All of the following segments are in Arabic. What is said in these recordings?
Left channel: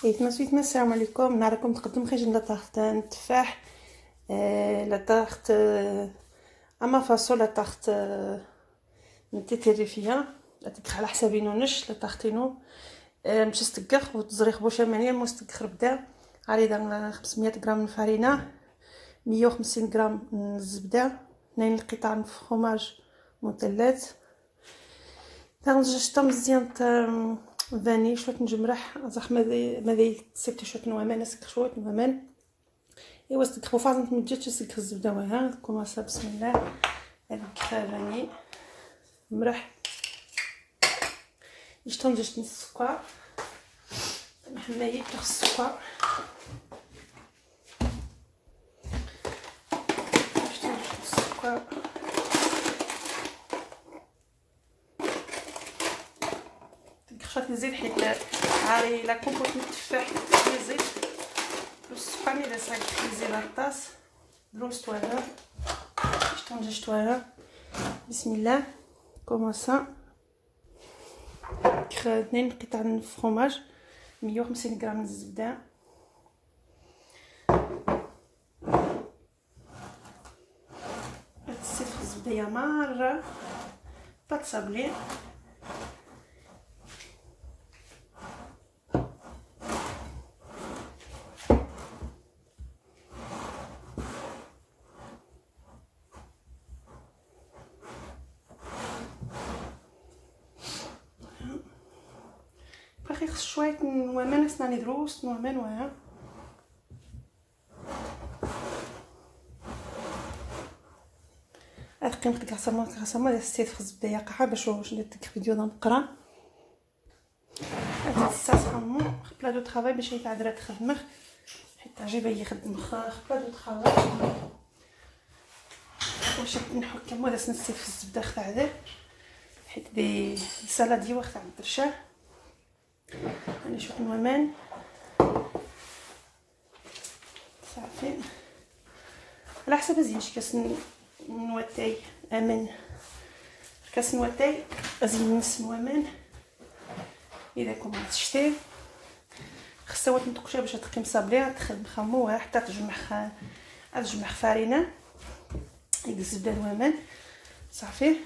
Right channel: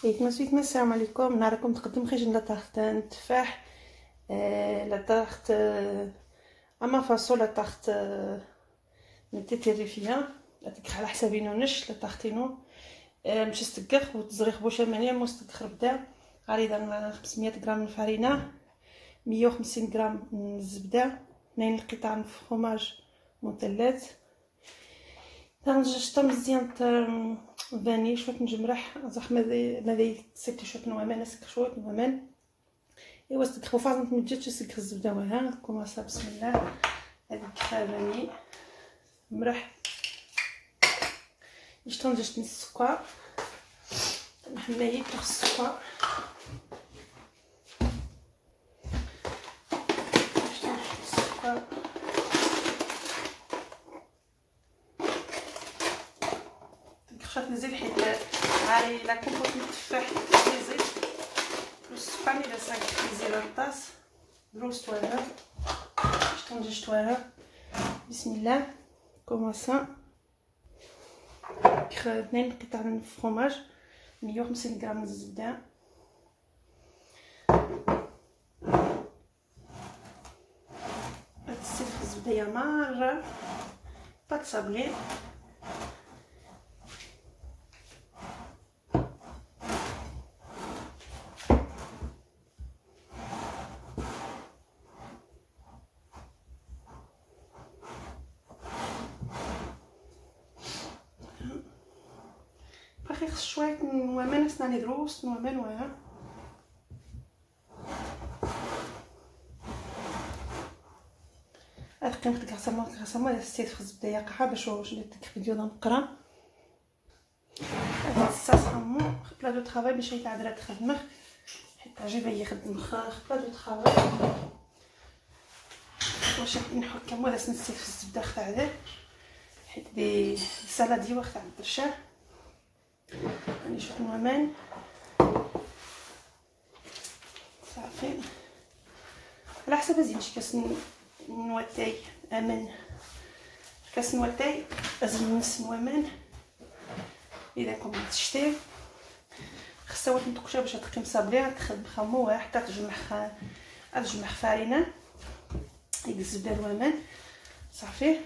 سويتما السلام عليكم. نهاركم تقدم خيجن لا طاخت تفاح، لا طاخت اما فاصول، لا طاخت من تيتيريفيا اتك على حسابي نونش لا طاختينو مش استقخ وتزريخ بوشامانيه مستقخ بدا عريضه 500 غرام الفرينه، 150 غرام الزبده، 2 قطع من الفرماج مثلث، تنجشطه مزيان فاني شويه نجمرح زعما ماذا سيت شويه نوامن اسك شويه نوامن ايوا استك فازن تمجيت اسك الزبده وها كوماسا بسم الله هذيك فاني مرح يشتون جشت السكر محمالي تاع السكر يشتون السكر خاف نزيد حيت عاري لا كنت التفاح يزيد السكر الا صايب نزيد الطاس دروس توالى شتون جوج توالى بسم الله كوماسا 2 قطع من الفرماج، 150 غرام من الزبده، السيف الزبده يا مره باتصابلي خص شويه نوامن اسناني دروس نوامن وها اتقن ديك العصامه السيت في الزبده يا قحه باش واش نديك فيديو نقرا هذا الساسمو بلا دو طرافاي باش يتعذر تخدمخ حيت عجبها يخدم بلا دو طرافاي واش نحكم ولا نسيت في الزبده خاعده حيت دي سالادي وقت عند الدرشاه نشوف نومان صافي على حسب زينش كاس نواتاي امن كاس نواتاي ازين نص نوامان اذا كنت تشتي خصها وقت نتقشا باش تقيم صابلي تخدم خموها حتى تجمع فرينه يزبده نوامان صافي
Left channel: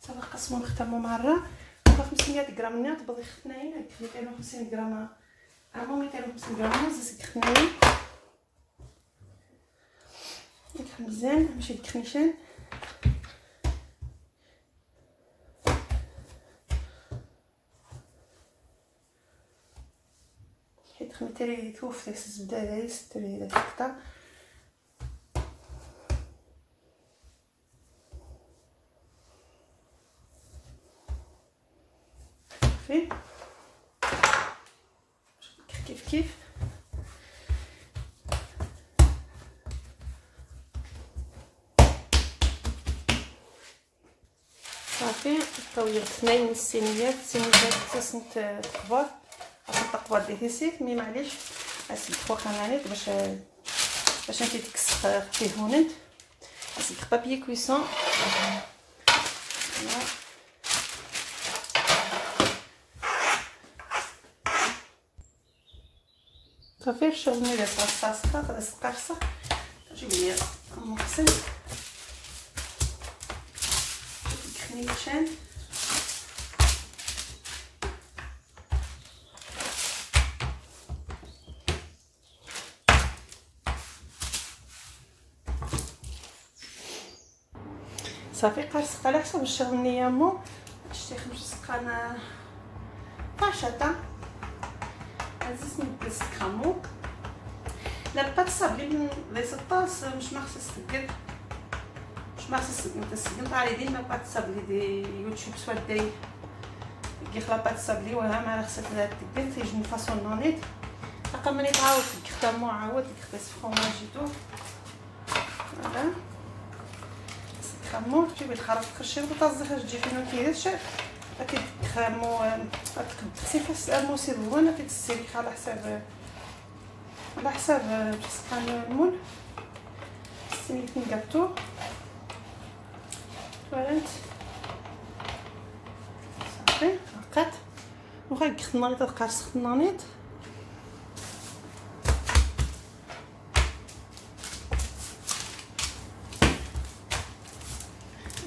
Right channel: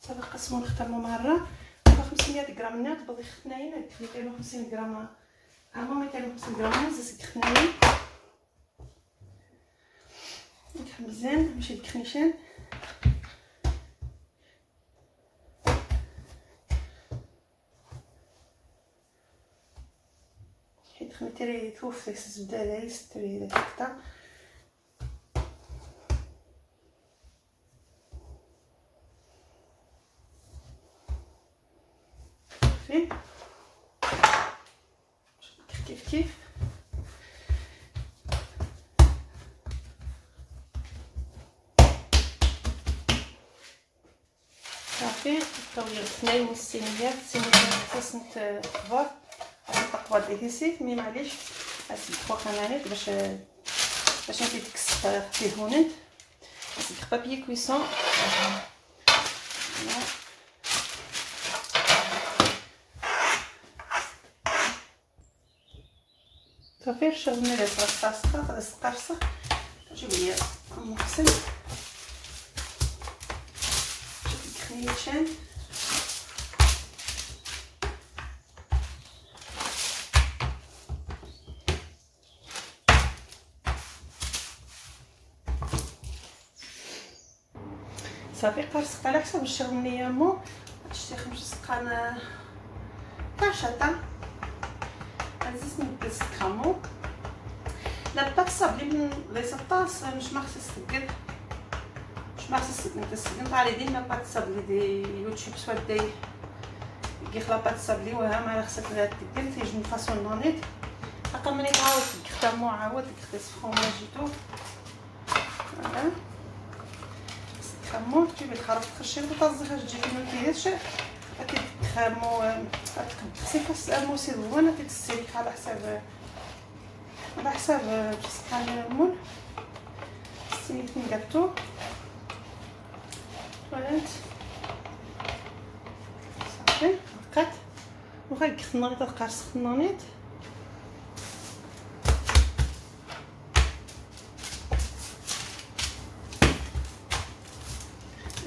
صافي قسمو نختمو مره 500 غرام نيات بغي خناين هاد 250 غرام اما 250 غرام زيت خناين ديك مزيان ماشي ديك خنيشان حيت خمتري توف ديك الزبده هذه ستري ديك القطع كيف صافي طويل 2 الصينيه خصنت الطباط الطباط ديسيت مي معليش اسيب 3 كنانيت باش نتي ديك السخ فيه هونت اسيب بابي كويسون صافي شغلني لي صاصه السقرصه جيب لي مغسل خنيشان صافي قرصق على حسب الشغل نيامو شتي 5 سقان طاشطه عزيز نبز كامو لا بات صابلي من لي سطاس مش مخصص تقل مش مخصص نتسقم على ديما بات صابلي دي يوتيوب سوا دي كيخلا بات صابلي وها ما خصك تقل تيجي من فاصون نونيت اقل من يتعاود تختمو عاود تخدس فروماجيتو فوالا خمو تجيبي الخرط تخشي وتطزخي تجي فين ما كاينش اكيد خامو تخسي فاس الموسي زوين اكيد السيليك على حساب بسكان المول السيليك نقطو تواليت صافي هكاك وغا خنانيط تقارص خنانيط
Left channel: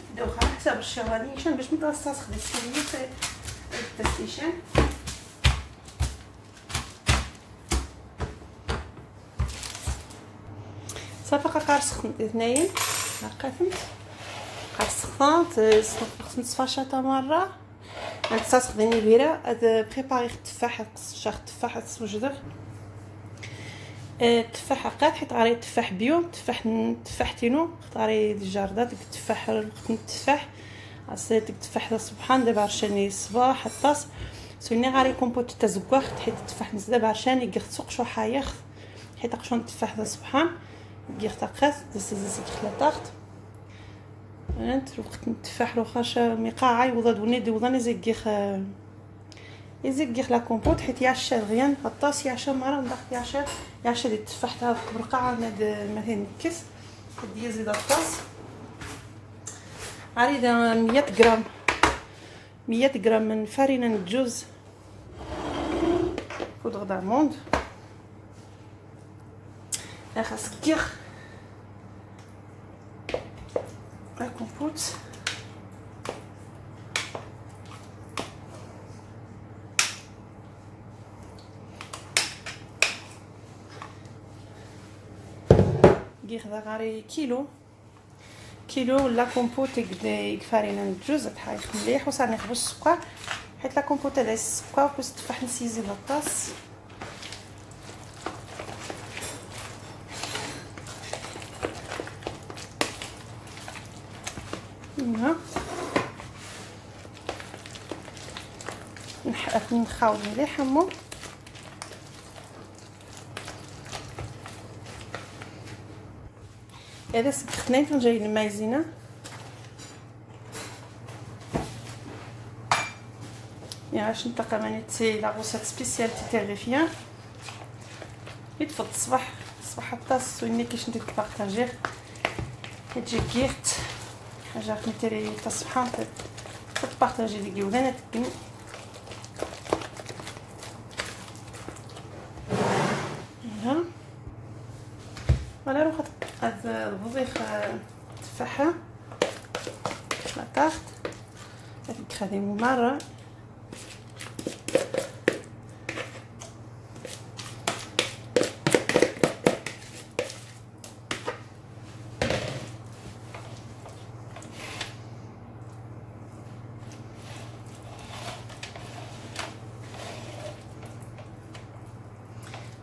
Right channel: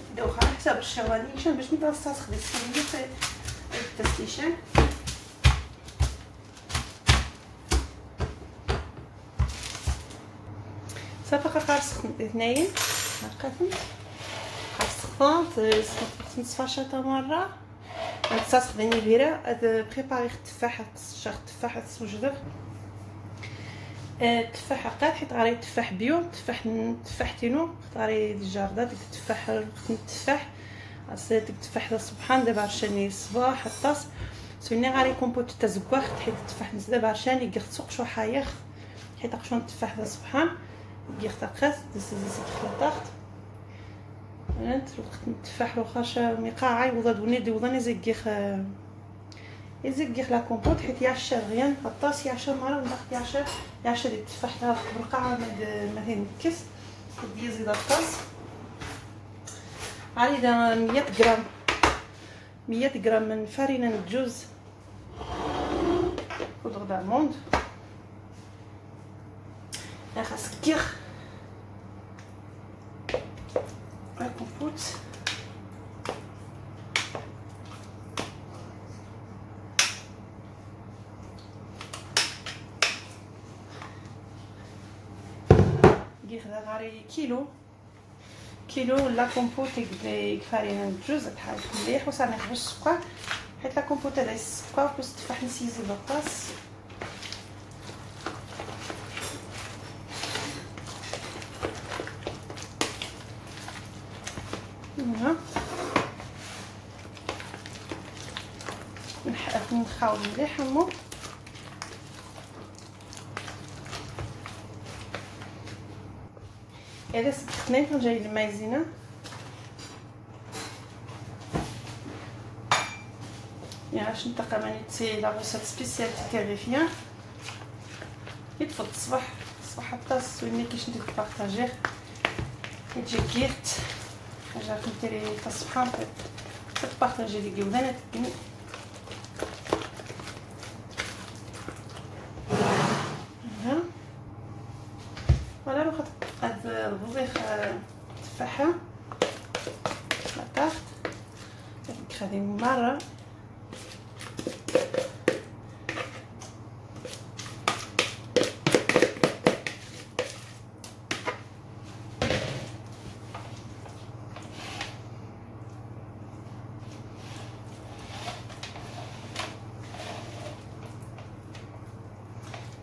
نبداو على حساب الشواليشان باش نتستخدم السميه في التسليشان. صافي قارص اثنين لقيتهم السخانت نصفى شاطه مره نستخدم البيره هذا بريباري التفاح شاخ التفاح السوجدغ التفاح قاد حيت غاري تفاح بيو تفاح تينو غاري الجارده ديك التفاح التفاح اصلا ديك التفاح سبحان دابا عشاني الصباح الطاس سوني غاري كومبوت تزكواخ حيت التفاح دابا عشاني يغسق شو حايخ حيت قشون التفاح سبحان يغتقات ديسيزيت خلاطات انت الوقت التفاح لو خاش ميقاعه يوضوني دوضاني يزيق لا كومبوت حيت يعشى غيان الطاس يعشى مره ولا يعشى ديال التفاح تاع برقعه ما تنكس ديال زيد الطاس عادي 100 غرام من فرينه الجوز بودغ داموند خاصك كيخ لا كومبوت غير غاري كيلو لا كومبوت يكفارينا الجوز تحايل مليح وصافي نخبز السكر حيت لا كومبوت هذا السكر بس تفاح نسيزي بالطاس نخاوض مليح همو هذا سبختنين كنجاي المايزينه يعني باش نطلق مانيتي لا غوسيت سبيسيال تاع يتفض الصباح الطاس ويني كيش ندير بارطاجيه تجي كيرت حاجه كنتري تاع الصباح تبارطاجي ديك ولانات ولا روح هذا الوظيفه التفاحه لاطاف هذيك هذه مره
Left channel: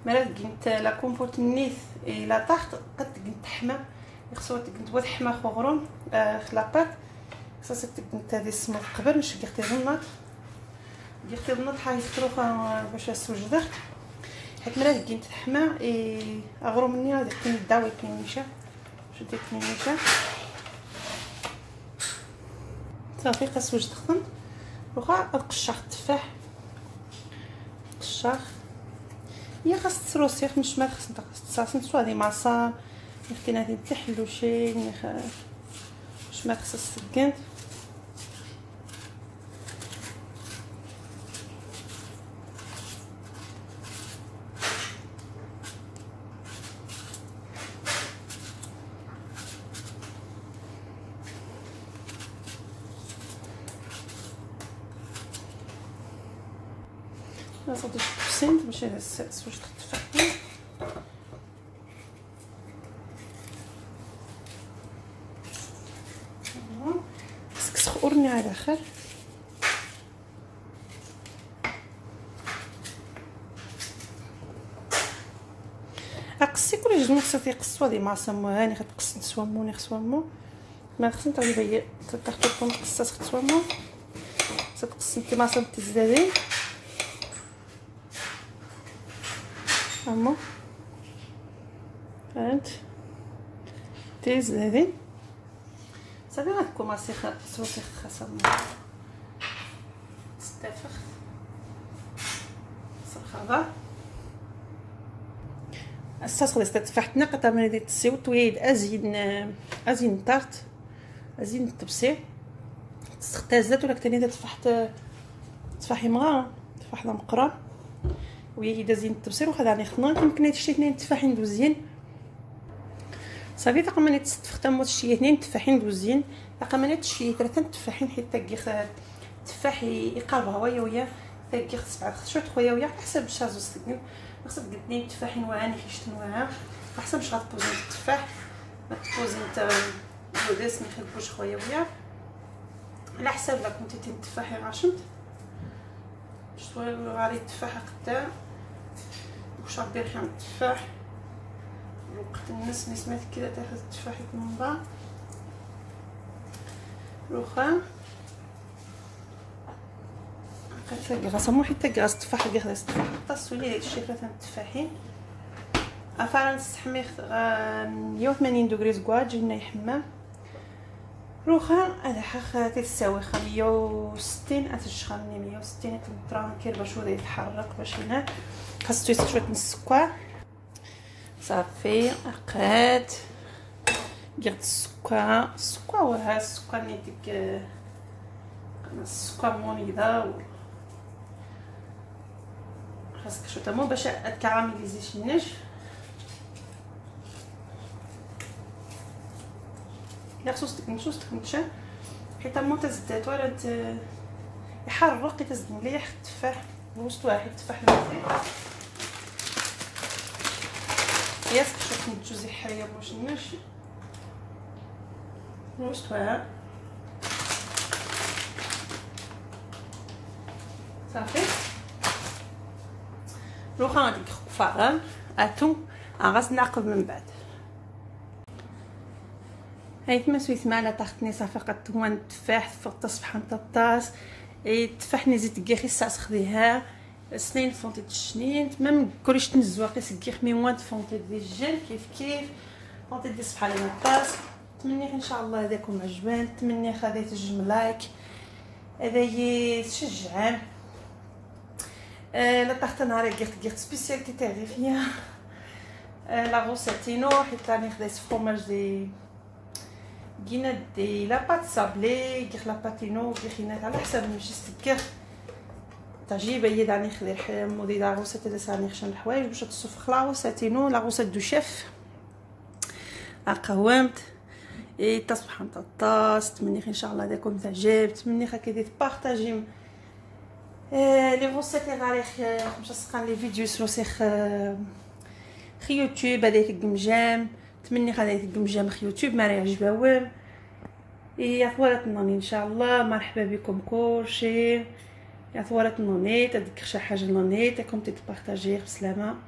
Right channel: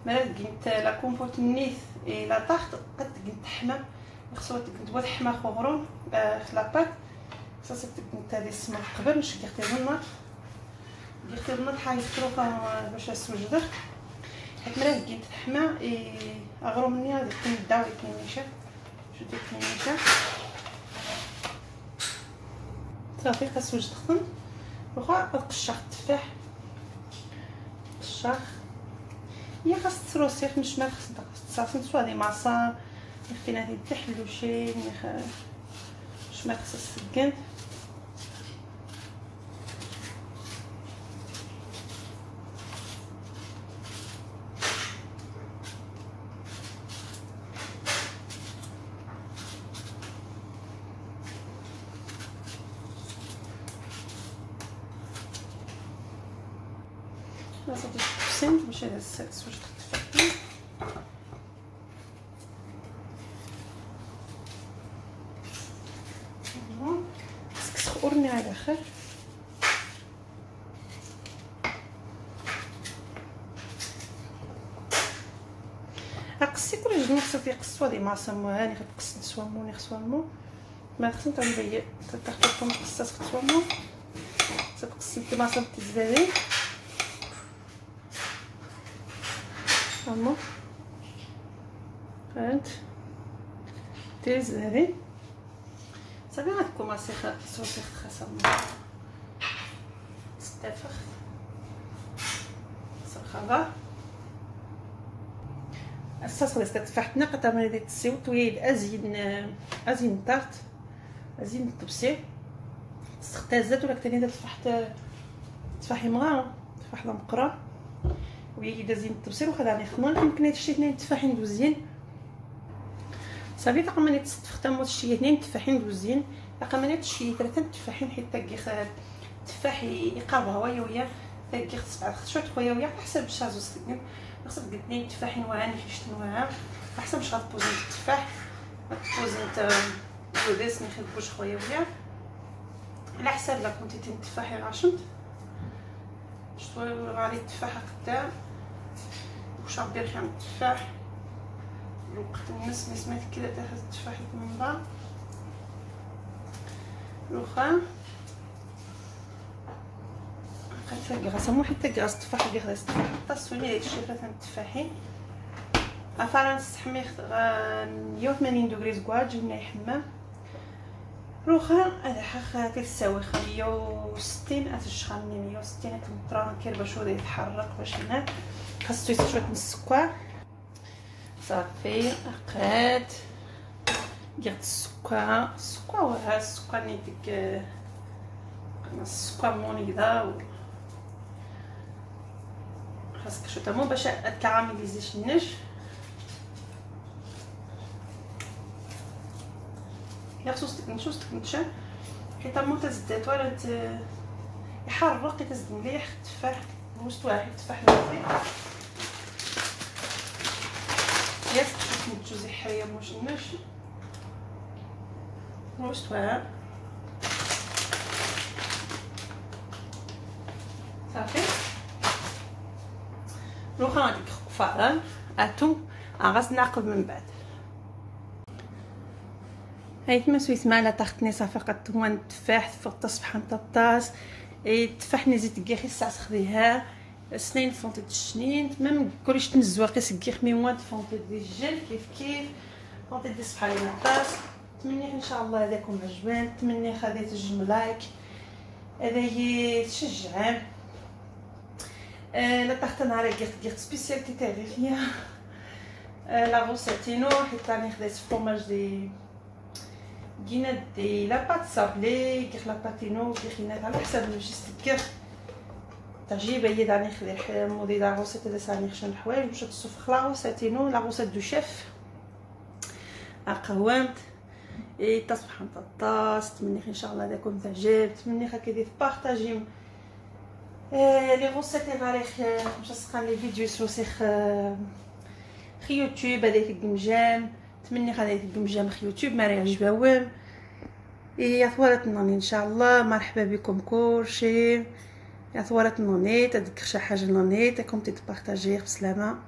مرات كنت لا كومبوت نيث لا تحت قد كنت تحمى خصو كنت تحمى خغروم خلاطات خصها كنت هذه السمر قبل مش قيرتي النار حاجه تروخا باش السوجده حيت مرات كنت تحمى اغروم مني هذيك كنداوي كنيشه شديت كنيشه صافي قاس وجد خدم وغا قشاخ التفاح قشاخ هي خاص تروسي مش ما خاص تصاصن سوا دي معصا يمكن هذه تحلو شي مش ما خاص السكان لازم تفسنت باش هذا السادس واش تفهم خاصك تخورني على خير اقصي كل جوج خصك تقصوا هذه مع سمواني غتقص نسوموني خصومو ما خصني تعلي هي تاخذكم قصات خصومو تقص انت ما صمت الزبادي هما هانت تيز هذه صافي غتكوماسي صوتي خاصه تستافخ صرخه الصاص غادي تفتحنا قطع من هذه السيوط ويد ازين طارت ازين الطبسي تختازات ولا كتاني تفحت تفاحي مغا تفاح مقرا وهي دازين التبصير وخا داني خدنا يمكن هاد الشي 2 تفاحين دوزين صافي. باقا ما نستخدموا شي 2 تفاحين دوزين، باقا ما شي 3 تفاحين حيت تاكي التفاح يقرب هوايا ويا تاكي 7 خطوات خويا ويا حسب الشازو سكني خاصك 2 تفاحين واعرين فيش تنوعها احسن باش غتبوزي التفاح غتبوزي نتا بوديس ما يخربوش خويا ويا على حساب لا كونتيتي التفاح غاشمت شويه غالي التفاح قدام واش غدير خام التفاح الوقت الناس ما سمعت كذا تاخذ التفاح من بعد الوخام كنتفكر مو حتى كاس التفاح اللي خلاص طاسوني هاد الشيء 3 التفاحين افران نستحمي 180 دوغري زكواج جينا يحمى روخا هذا حق تساوي 160 اتشخني 160 تمطران كير باش هو يتحرك باش هنا خاصو يصير شويه من السكر صافي قاد قيت السكر وها السكر نيتك السكر مونيدا خاصك شويه مو باش تكراميليزيش النش لا خصوصك نمشي حيت مو تزدات ولا يحرق تزد مليح التفاح بوست واحد التفاح مزيان ياس شوف نتجوزي حريه واش نمشي بوست واحد صافي روخا غادي كفاره اتو غاز ناقب من بعد هايت ما سويت معنا تاختني صافي قد هو التفاح فوق تصبح نتا الطاس التفاح نزيد كيخي الساعه خديها سنين فونتي الشنين ما نقولش تنزوا قيس كيخ مي موان فونتي دي الجل كيف فونتي دي صبح على الطاس. نتمنى ان شاء الله هذاكم عجبان، نتمنى خديت تجم لايك هذا تشجع لا طاحت نهار قلت سبيسياليتي تاعي فيها لا روساتينو حيت راني خديت فروماج دي كينا دي لا بات سابلي كيخ لا باتينو كيخينات على حسب جست كيخ تعجيب هي داني خدي مودي لا روسيت دي ساني خشن الحوايج باش تصوف لا روساتينو لا روسيت دو شيف قومت تصبح نتا الطاس. نتمنى ان شاء الله داكم تعجب، نتمنى هكا تبارطاجيو لي روسيت غاري باش تسقان لي فيديو سوسيخ خي يوتيوب هذاك القمجام. نتمنى هذاك القمجام خي يوتيوب ما يعجبهم يا ثوالت نوني ان شاء الله. مرحبا بكم كلشي يا ثوالت نوني تذكر شي حاجه نوني تاكم تبارطاجيه بسلامه.